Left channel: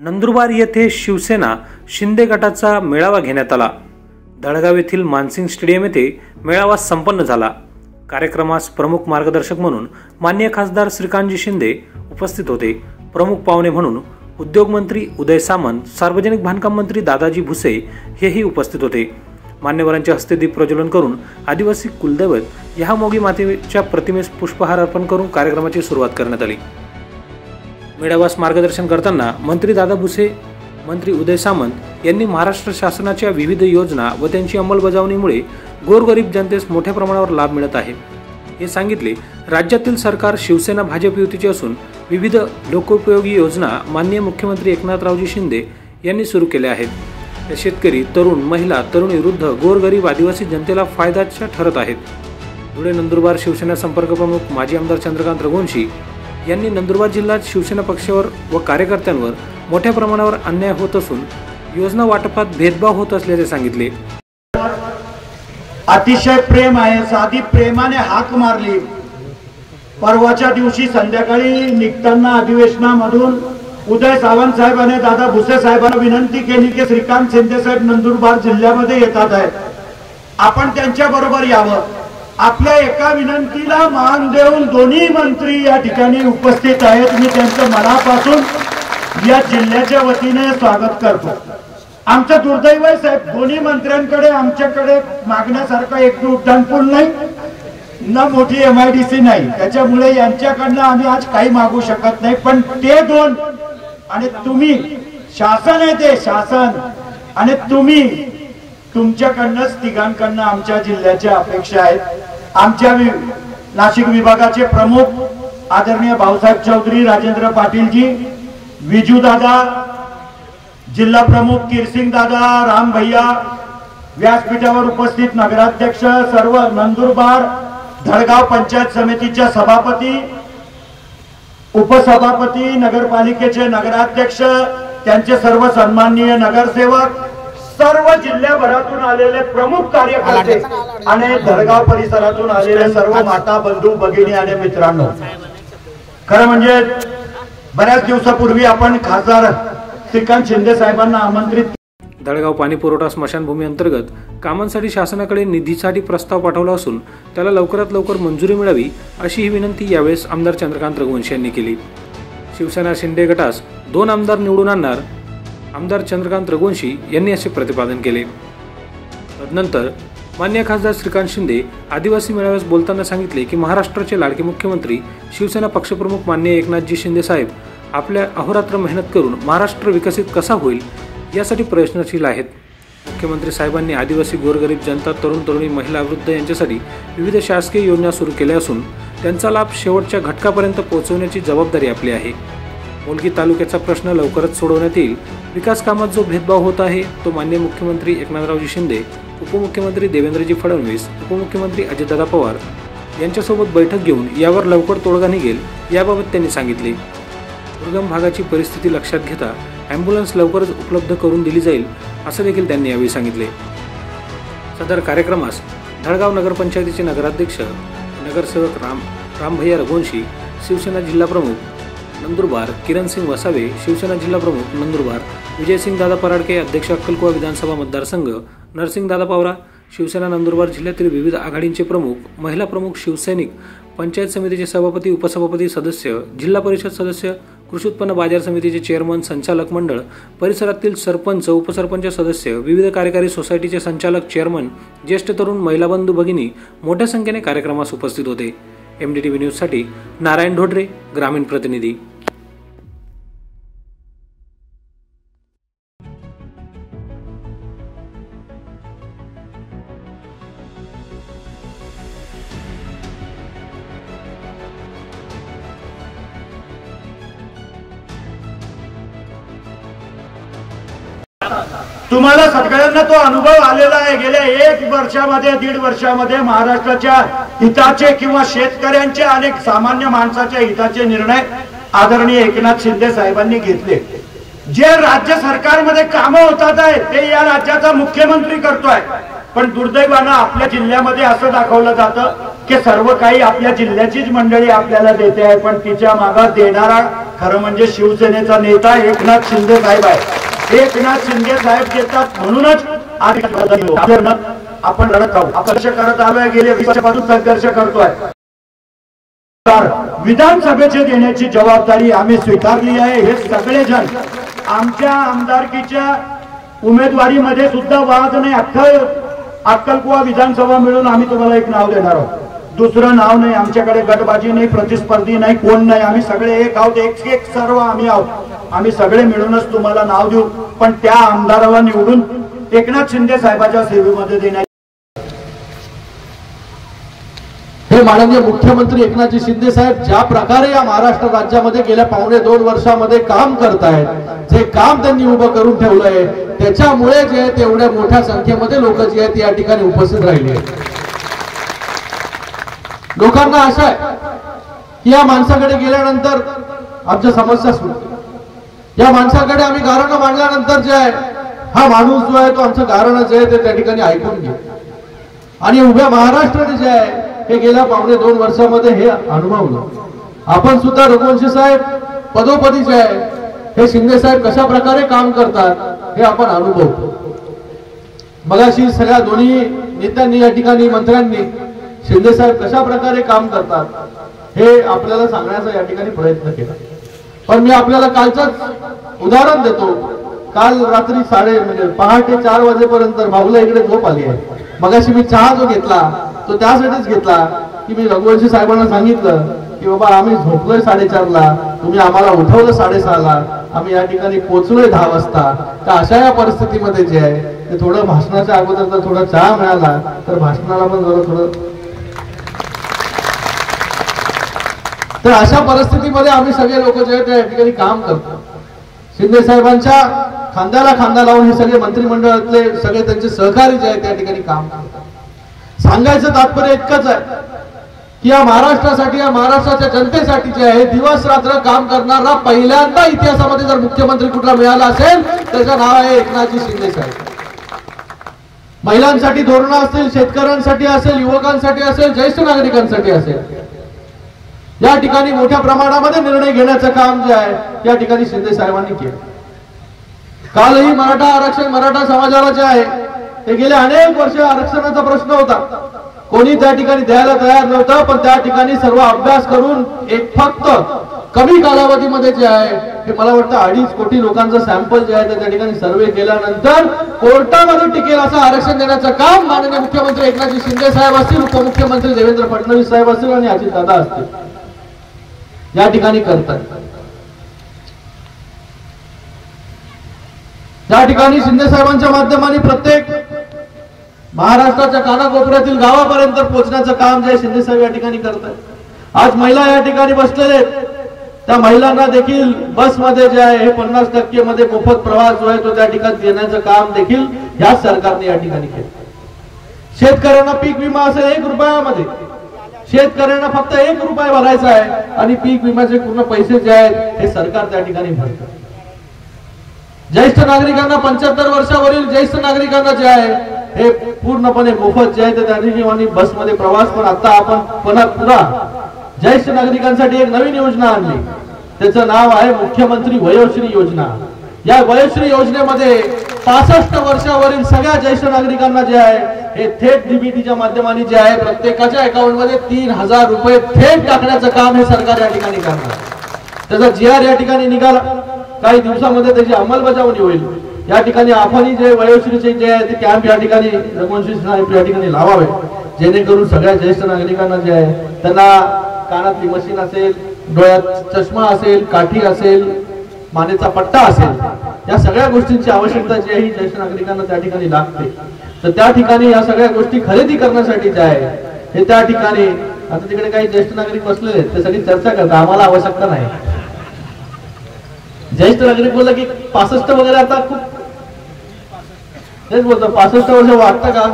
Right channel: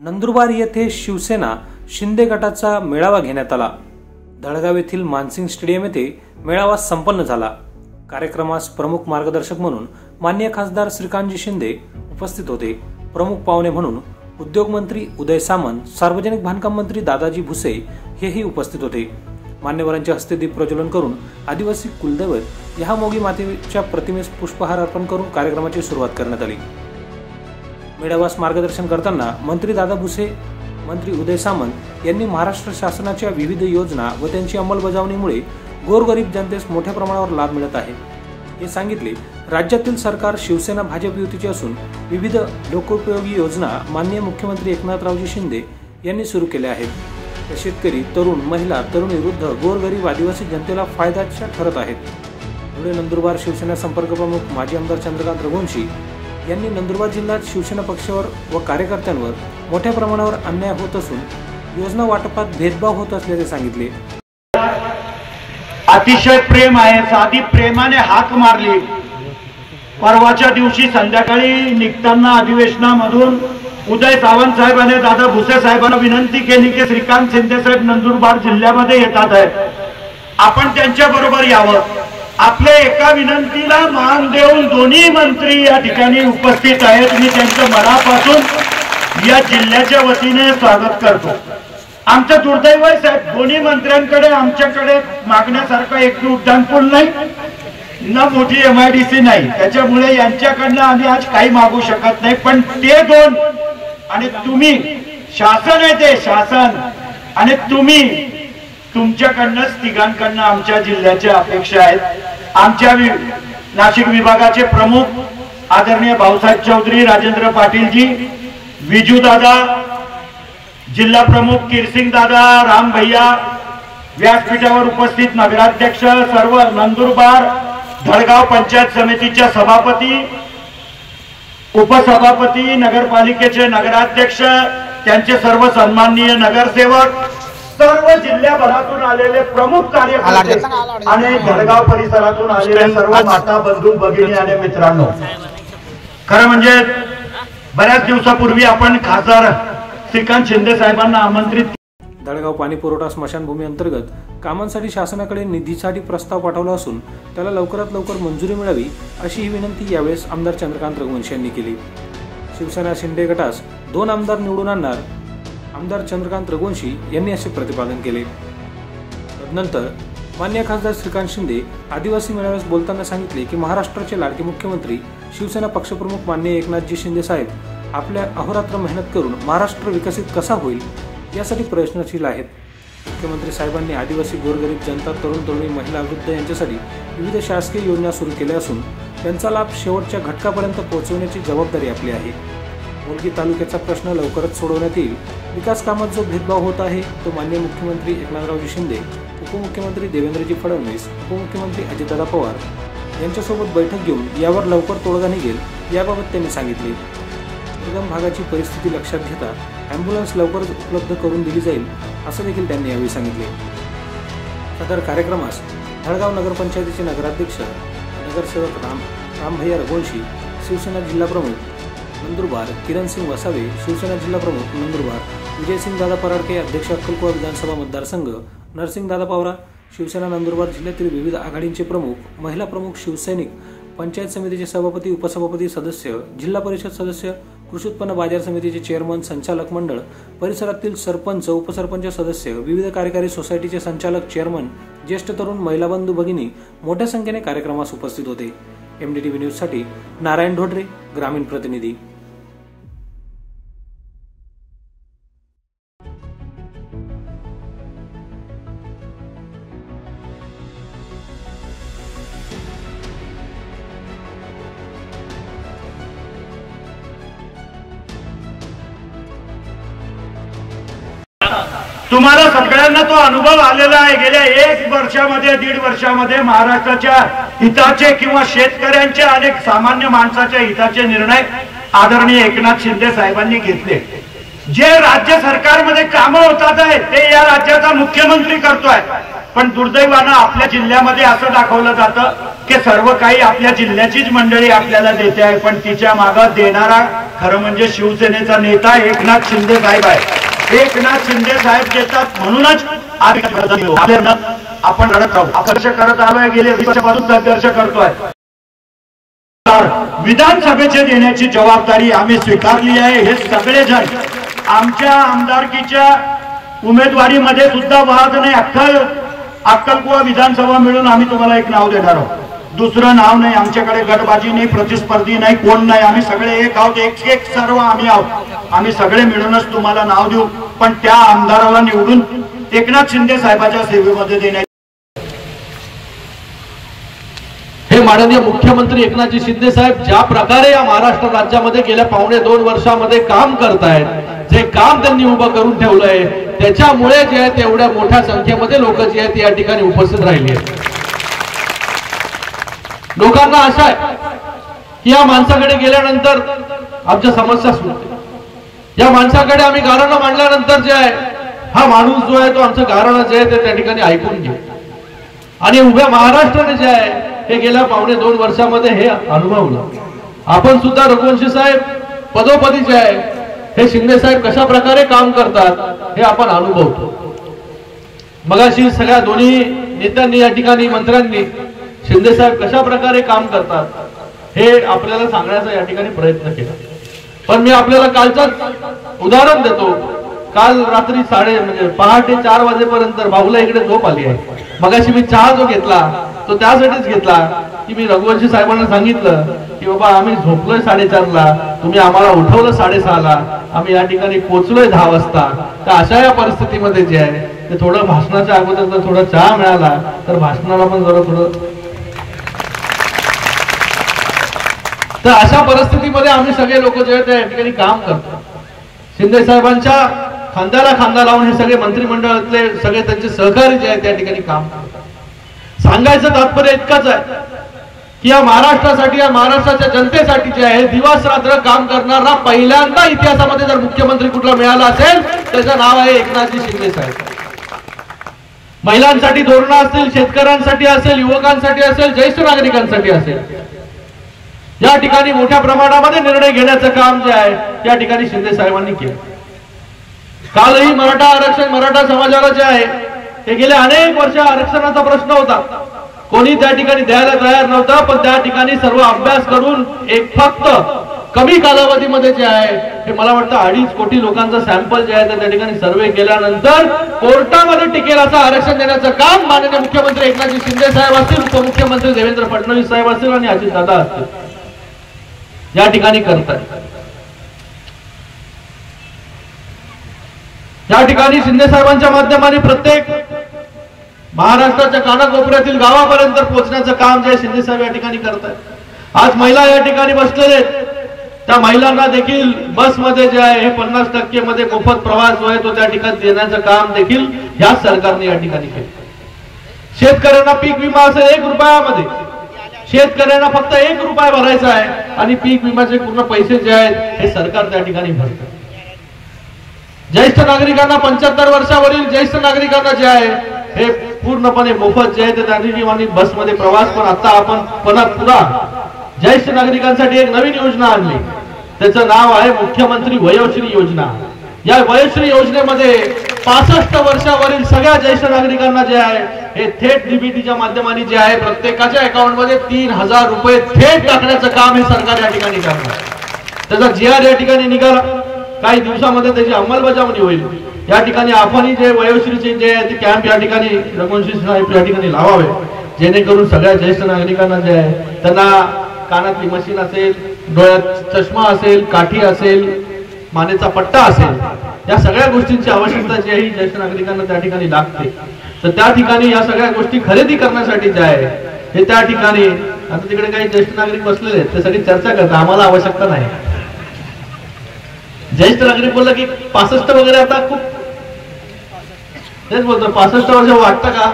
नंदुरबार येथे शिवसेना शिंदे गटाचा मेळावा घेण्यात आला। धळगाव येथील मानसिंग स्टेडियम येथे मेळावा संपन्न झाला। कार्यक्रमास प्रमुख मार्गदर्शक म्हणून माननीय खासदार श्रीकांतजी शिंदे उपस्थित होते। प्रमुख पाहुणे म्हणून उद्योग मंत्री उदय सामंत, सार्वजनिक बांधकाम मंत्री दादाजी भुसे हेही उपस्थित होते। मान्यवरांच्या हस्ते दीप प्रज्वलन करून आदिवासी कुलदैवत यहामोगी मातेच्या प्रतिमेस पुष्पहार अर्पण करून कार्यक्रमाची सुरुवात करण्यात आली। मेळाव्यास मार्गदर्शन करताना मंत्री दादा भुसे, मंत्री उदय सामंत यांनी महाराष्ट्र शासनाच्या विविध योजना व त्यांची अंमलबजावणीमुळे गोरगरीब जनतेस मोठ्या प्रमाणावर लाभ मिळत आहे हे सांगितले। राज्यातील सरकार शिवसेना भाजप युतीचे असून विविध लोकोपयोगी योजना माननीय मुख्यमंत्री एकनाथरावजी शिंदे यांनी सुरू केल्या आहेत। शेतकरी, तरुण, महिला, तरुणी, वृद्ध, गोरगरीब आदिवासी जनतेला फायद्याच्या ठरत आहेत। धुळे नंदुरबार शिवसेना संपर्क प्रमुख माजी आमदार चंद्रकांत रघुवंशी यांनी नंदुरबार जिल्ह्यात शिवसेना पक्षावर व कार्यकर्त्यांवर मोठ्या प्रमाणावर अन्याय होत असून योजना वाटपात भेदभाव होत असल्याचे सांगितले। अतिशय प्रेम आहे, साधी प्रेमाने हाक मारली। परवाच्या दिवशी संध्याकाळी निघताना अधिवेशनामधून उदय सावंत साहेबांनी दादा भुसे साहेबांना विनंती केली की श्रीकांत शिंदे साहेब नंदुरबार जिल्ह्यामध्ये येतात आहेत, आपण त्यांच्या बरोबर यावं। आपल्या एका विनंतीला मान देऊन दोन्ही मंत्री या ठिकाणी उपस्थित आहेत। मी त्यांच्या मनापासून या जिल्ह्याच्या वतीने स्वागत करतो। आमचं दुर्दैव आहे साहेब, दोन्ही मंत्र्यांकडे आमच्याकडे मागण्यासारखं एक उड्डाण पूल नाही, न मोठी MIDC नाही, त्याच्यामुळे यांच्याकडनं आम्ही आज काही मागू शकत नाही। पण ते दोन आणि तुम्ही, शासन आहे ते शासन, आणि तुम्ही तुमच्याकडनंच तिघांकडनं आमच्या जिल्ह्याच्या अपेक्षा आहेत। आमच्या नाशिक विभागाचे प्रमुख आदरणीय भाऊसाहेब चौधरी, राजेंद्र पाटीलजी, विजू दादा, जिल्हा प्रमुख किरसिंग दादा, राम भैया, व्यासपीठावर उपस्थित नगराध्यक्ष, सर्व नंदुरबार धळगाव पंचायत समितीच्या सभापती, उपसभापती, नगरपालिकेचे नगराध्यक्ष, त्यांचे सर्व सन्माननीय नगरसेवक, सर्व जिल्ह्याभरातून आलेले प्रमुख कार्यकर्ते आणि धळगाव परिसरातून आलेले सर्व माता, बंधू, भगिनी आणि मित्रांनो, खरं म्हणजे बऱ्याच दिवसापूर्वी आपण खासदार श्रीकांत शिंदे साहेबांना आमंत्रित। धळगाव पाणी पुरवठा स्मशानभूमी अंतर्गत कामांसाठी शासनाकडे निधीसाठी प्रस्ताव पाठवला असून त्याला लवकरात लवकर मंजुरी मिळावी अशी ही विनंती यावेळेस आमदार चंद्रकांत रघुवंशी यांनी केली। शिवसेना शिंदे गटास 2 आमदार निवडून आणणार आमदार चंद्रकांत रघुवंशी यांनी असे प्रतिपादन केले। तदनंतर माननीय खासदार श्रीकांत शिंदे आदिवासी मेळाव्यास बोलताना सांगितले की महाराष्ट्राचे लाडके मुख्यमंत्री शिवसेना पक्षप्रमुख माननीय एकनाथजी शिंदे साहेब आपल्या अहोरात्र मेहनत करून महाराष्ट्र विकसित कसा होईल यासाठी प्रयत्नशील आहेत। मुख्यमंत्री साहेबांनी आदिवासी, गोरगरीब जनता, तरुण तरुणी, महिला, वृद्ध यांच्यासाठी विविध शासकीय योजना सुरू केल्या असून त्यांचा लाभ शेवटच्या घटकापर्यंत पोहोचवण्याची जबाबदारी आपली आहे। मुलगी तालुक्याचा प्रश्न लवकरच सोडवण्यात येईल। विकास कामात जो भेदभाव होत आहे तो माननीय मुख्यमंत्री एकनाथरावजी शिंदे, उपमुख्यमंत्री देवेंद्रजी फडणवीस, उपमुख्यमंत्री अजितदादा पवार यांच्यासोबत बैठक घेऊन यावर लवकर तोडगा निघेल याबाबत त्यांनी सांगितले। दुर्गम भागाची परिस्थिती लक्षात घेता ॲम्ब्युलन्स लवकरच उपलब्ध करून दिली जाईल असं देखील त्यांनी यावेळी सांगितले। सदर कार्यक्रमास धळगाव नगरपंचायतीचे नगराध्यक्ष नगरसेवक रामभैया रघुवंशी, शिवसेना जिल्हा प्रमुख नंदुरबार किरणसिंग वसावे, शिवसेना जिल्हा प्रमुख नंदुरबार विजयसिंग दादा पराडके, अध्यक्ष अक्कलकुवा विधानसभा मतदारसंघ नरसिंग दादा पवारा, शिवसेना नंदुरबार जिल्ह्यातील विविध आघाडींचे प्रमुख, महिला प्रमुख, शिवसैनिक, पंचायत समितीचे सभापती, उपसभापती, सदस्य, जिल्हा परिषद सदस्य, कृषी उत्पन्न बाजार समितीचे चेअरमन, संचालक मंडळ, परिसरातील सरपंच, उपसरपंच सदस्य, विविध कार्यकारी सोसायटीचे संचालक, चेअरमन, ज्येष्ठ तरुण, महिला बंधू भगिनी मोठ्या संख्येने कार्यक्रमास उपस्थित होते। MDTV न्यूजसाठी नारायण ढोडरे, ग्रामीण प्रतिनिधी। तुम्हाला सगळ्यांना तो अनुभव आलेला आहे। गेल्या 1 वर्षामध्ये, 1.5 वर्षामध्ये महाराष्ट्राच्या हिताचे किंवा शेतकऱ्यांचे, अनेक सामान्य माणसाच्या हिताचे निर्णय आदरणीय एकनाथ शिंदे साहेबांनी घेतले। जे राज्य सरकारमध्ये कामं होतात आहे ते या राज्याचा मुख्यमंत्री करतोय, पण दुर्दैवानं आपल्या जिल्ह्यामध्ये असं दाखवलं जातं की सर्व काही आपल्या जिल्ह्याचीच मंडळी आपल्याला देते आहे, पण तिच्या मागे देणारा खरं म्हणजे शिवसेनेचा नेता एकनाथ शिंदे साहेब आहे. एकनाथ शिंदे साहेब देतात म्हणूनच आपण लढत आहोत. संघर्ष करत आलोय, गेले 20 वर्षापासून संघर्ष करतोय. विधानसभेचे देण्याची जबाबदारी आम्ही स्वीकारली आहे. हे सगळेजण आमच्या आमदारकीच्या उमेदवारीमध्ये सुद्धा वाद नाही. अक्कलकुवा विधानसभा मिळून आम्ही तुम्हाला एक नाव देणार आहोत. दुसरं नाव नाही. आमच्याकडे गटबाजी नाही, प्रतिस्पर्धी नाही, कोण नाही. आम्ही सगळे एक आहोत. एक सर्व आम्ही आहोत. आम्ही सगळे मिळूनच तुम्हाला नाव देऊ. पण त्या आमदाराला निवडून एकनाथ शिंदे साहेबांच्या सेवेमध्ये देण्याची हे माननीय मुख्यमंत्री एकनाथजी शिंदे साहेब ज्या प्रकारे या महाराष्ट्र राज्यामध्ये गेल्या 2.5 वर्षामध्ये काम करतायत, जे काम त्यांनी उभं करून ठेवलंय, त्याच्यामुळे जे आहे तेवढ्या मोठ्या संख्येमध्ये लोक जे आहेत या ठिकाणी उपस्थित राहिली आहेत. लोकांना आशा आहे की या माणसाकडे गेल्यानंतर आमच्या समस्या सुटतील. या माणसाकडे आम्ही गारणं मांडल्यानंतर जे आहे हा माणूस जो आहे तो आमचं गारणं जे आहे ते त्या ठिकाणी ऐकून घेऊ. आणि उभ्या महाराष्ट्राने जे आहे हे गेल्या 2.5 वर्षामध्ये हे अनुभवलं. आपण सुद्धा रघुवंशी साहेब पदोपदी जे आहे हे शिंदे साहेब कशा प्रकारे काम करतात हे आपण अनुभवतो. मगाशी सगळ्या दोन्ही नेत्यांनी या ठिकाणी मंत्र्यांनी शिंदे साहेब कशा प्रकारे काम करतात हे आपल्याला सांगण्याचा या ठिकाणी प्रयत्न केला. पण मी आपल्याला कालचाच उदाहरण देतो. काल रात्री म्हणजे पहाटे 4 वाजेपर्यंत भाऊला इकडे झोप आली आहे. मगाशी मी चहा जो घेतला तो त्यासाठीच घेतला की मी रघुवंशी साहेबांना सांगितलं की बाबा आम्ही झोपलोय 4:30ला, तुम्ही आम्हाला उठवलं 6:30ला, आम्ही या ठिकाणी पोहोचलोय 10 वाजता. तर अशा या परिस्थितीमध्ये जे आहे ते थोडं भाषणाच्या अगोदर जर थोडा चहा मिळाला तर भाषणाला पण जरा थोडं. तर अशा परिस्थितीमध्ये आम्ही सगळे लोक जे आहेत त्या ठिकाणी काम करतो. शिंदे साहेबांच्या खांद्याला खांदा लावून हे सगळे मंत्रिमंडळातले सगळे त्यांचे सहकारी जे आहेत त्या ठिकाणी काम करतात. सांगायचं तात्पर्य इतकंच आहे की या महाराष्ट्रासाठी, या महाराष्ट्राच्या जनतेसाठी जे आहे दिवस रात्र काम करणारा पहिल्यांदा इतिहासामध्ये जर मुख्यमंत्री कुठला मिळाला असेल त्याचं नाव आहे एकनाथजी शिंदे साहेब. महिलांसाठी धोरणं असतील, शेतकऱ्यांसाठी असेल, युवकांसाठी असेल, ज्येष्ठ नागरिकांसाठी असेल, या ठिकाणी मोठ्या प्रमाणामध्ये निर्णय घेण्याचं काम जे आहे या ठिकाणी शिंदे साहेबांनी केलं. कालही मराठा आरक्षण, मराठा समाजाला जे आहे हे गेले अनेक वर्ष आरक्षणाचा प्रश्न होता. कोणी त्या ठिकाणी द्यायला तयार नव्हतं. पण त्या ठिकाणी सर्व अभ्यास करून एक फक्त कमी कालावधीमध्ये जे आहे हे मला वाटतं 2.5 कोटी लोकांचं सॅम्पल जे आहे त्या ठिकाणी सर्वे केल्यानंतर कोर्टामध्ये टिकेल असं आरक्षण देण्याचं काम माननीय मुख्यमंत्री एकनाथजी शिंदे साहेब असतील, उपमुख्यमंत्री देवेंद्र फडणवीस साहेब असतील आणि अजितदादा असतील या ठिकाणी करतात. या ठिकाणी शिंदे साहेबांच्या माध्यमाने प्रत्येक महाराष्ट्राच्या कानाकोपऱ्यातील गावापर्यंत पोहोचण्याचं काम जे शिंदे साहेब या ठिकाणी करतात. आज महिला या ठिकाणी बसलेले आहेत. त्या महिलांना देखील बसमध्ये जे आहे हे 50% मध्ये मोफत प्रवास जो आहे तो त्या ठिकाणी देण्याचं काम देखील याच सरकारने या ठिकाणी केलं. शेतकऱ्यांना पीक विमा असेल 1 रुपयामध्ये, शेतकऱ्यांना फक्त 1 रुपया भरायचा आहे आणि पीक विम्याचे पूर्ण पैसे जे आहेत हे सरकार त्या ठिकाणी भरतं. ज्येष्ठ नागरिकांना 75 वर्षावरील ज्येष्ठ नागरिकांना जे आहे हे पूर्णपणे मोफत जे आहे त्या ठिकाणी बसमध्ये प्रवास. पण आता आपण पुन्हा ज्येष्ठ नागरिकांसाठी एक नवीन योजना आणली. त्याचं नाव आहे मुख्यमंत्री वयोश्री योजना. या वयोश्री योजनेमध्ये 65 वर्षावरील सगळ्या ज्येष्ठ नागरिकांना जे आहे हे थेट डीबीटीच्या माध्यमाने जे आहे प्रत्येकाच्या अकाउंटमध्ये 3000 रुपये थेट टाकण्याचं काम हे सरकार या ठिकाणी करणार. त्याचा GR या ठिकाणी निघाला. काही दिवसामध्ये त्याची अंमलबजावणी होईल. या ठिकाणी आपणही जे वयोश्रीचे जे आहे ते कॅम्प या ठिकाणी रघुवंशी साहेब या ठिकाणी लावावे, जेणेकरून सगळ्या ज्येष्ठ नागरिकांना जे आहे त्यांना कानातली मशीन असेल, डोळ्यात चष्मा असेल, काठी असेल, मानेचा पट्टा असेल, या सगळ्या गोष्टींची आवश्यकता जी आहे ज्येष्ठ नागरिकांना त्या ठिकाणी लागते. तर त्या ठिकाणी या सगळ्या गोष्टी खरेदी करण्यासाठी जे आहे हे त्या ठिकाणी आता तिकडे काही ज्येष्ठ नागरिक बसलेले आहेत ते सगळी चर्चा करतात. आम्हाला आवश्यकता नाही. ज्येष्ठ नागरिक बोलला की 65 वगैरे आता खूप तेच बोलतो 65 वर्ष वाटतं का?